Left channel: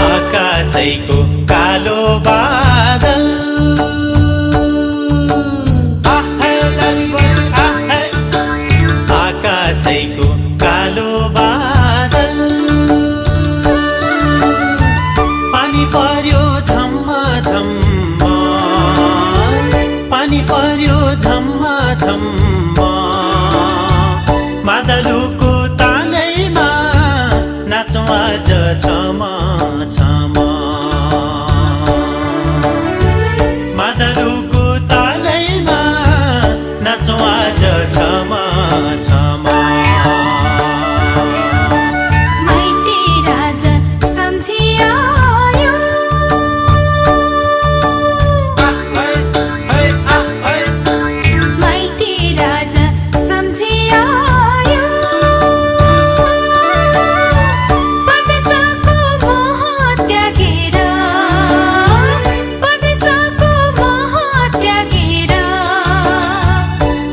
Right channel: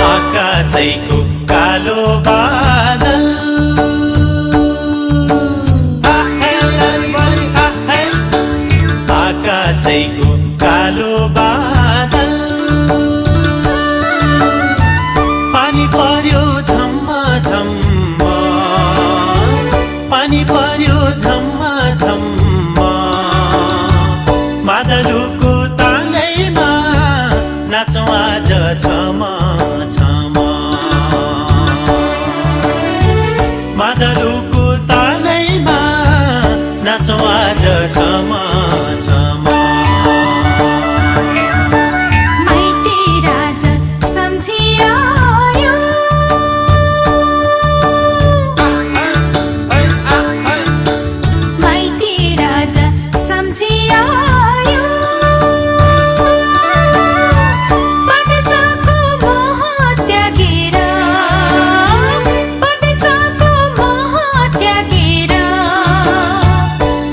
आकाशैको कालो बादल आकाशैको कालो बादल पानी पर्यो झम्म झम्म पानी पर्यो झम्म झम्म मादलुको तालैमा नाचौँ आज छम छम मादलुको तालैमा नाचौँ आज छम छम माइती राजा सम्झिआयो माइती राजा सम्झिआयो परदेशको मोह त्यागेर परदेशको मोह त्यागेर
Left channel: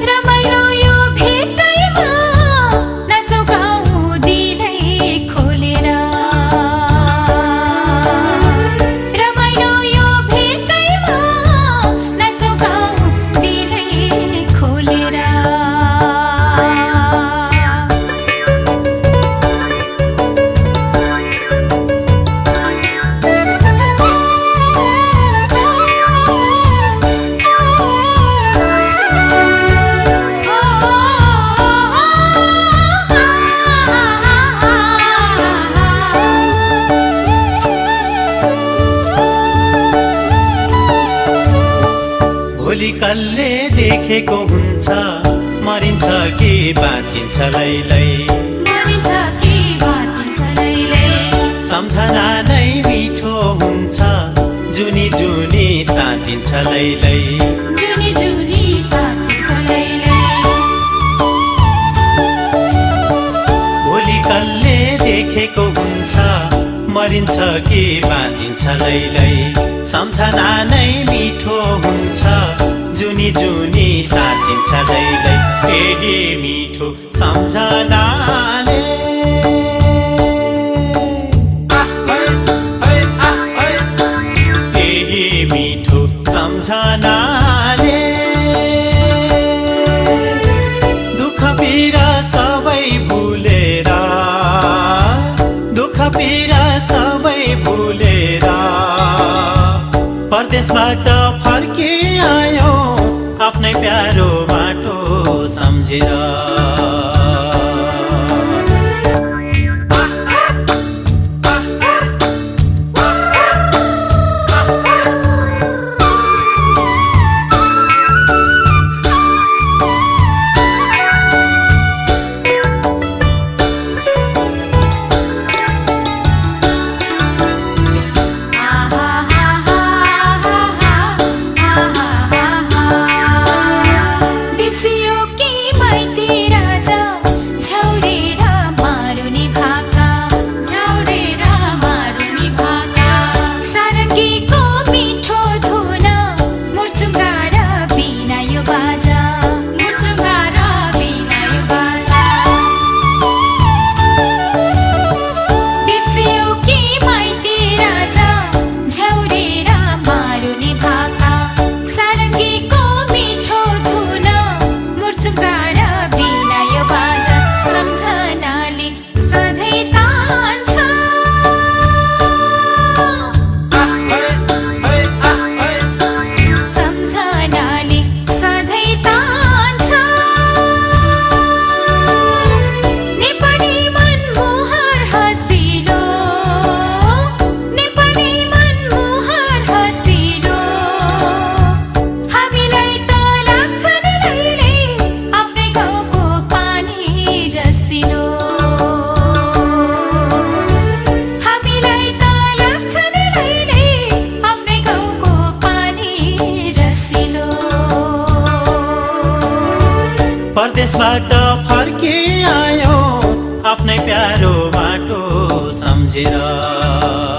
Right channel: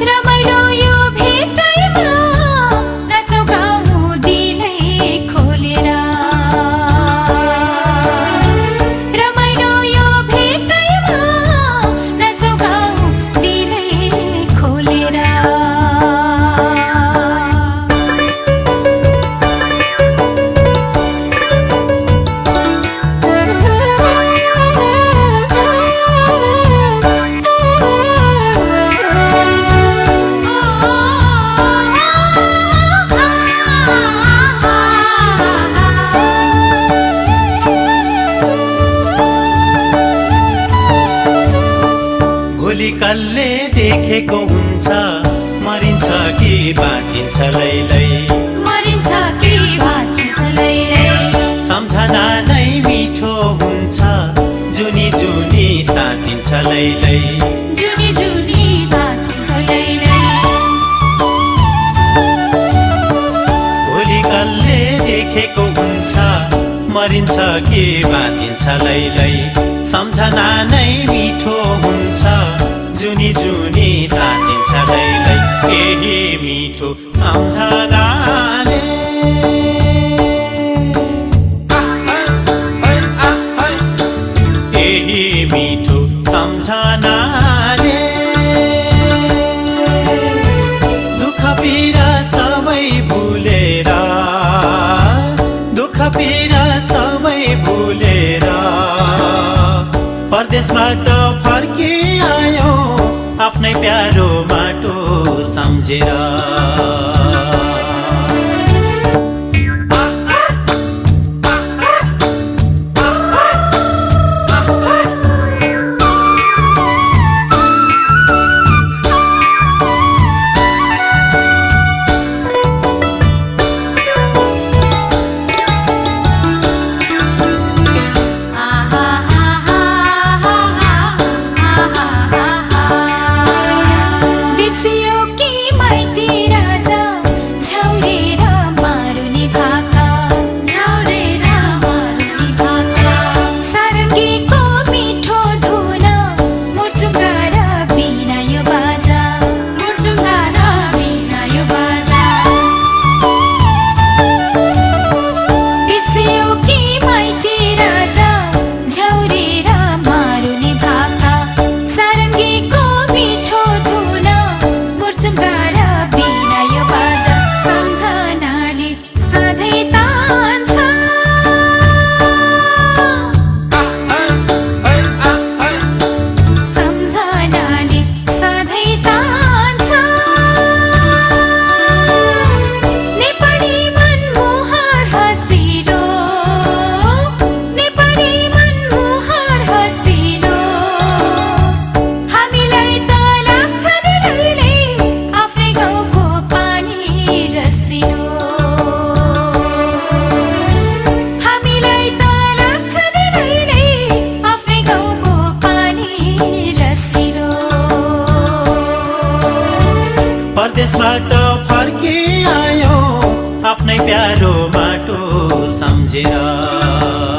रमाइलो यो भेटैमा नाचौँ गाउँ दिलै खोलेर रमाइलो यो भेटैमा नाचौँ गाउँ दिलै खोलेर भोलि कसले देखेको हुन्छ मरिन्छ कि बाँचिन्छ लैलै मरिन्छ कि बाँचिन्छ लैलै सम्झना नै मिठो हुन्छ जुनी जुनी साँचिन्छ लैलै जुनी जुनी साँचिन्छ लैलै भोलि कसले देखेको हुन्छ मरिन्छ कि बाँचिन्छ लैलै सम्झना नै मिठो हुन्छ जुनी जुनी साँचिन्छ लैलै यही मिठो सम्झनाले यही मिठो सम्झनाले दुःख पीडा सबै भुलेर दुःख पीडा सबै भुलेर परदेशबाट फर्किआयो आफ्नै प्यारो माटो सम्झेर बिर्सियो कि माइती राजा परदेशबाट फर्किआयो आफ्नै प्यारो माटो सम्झेर।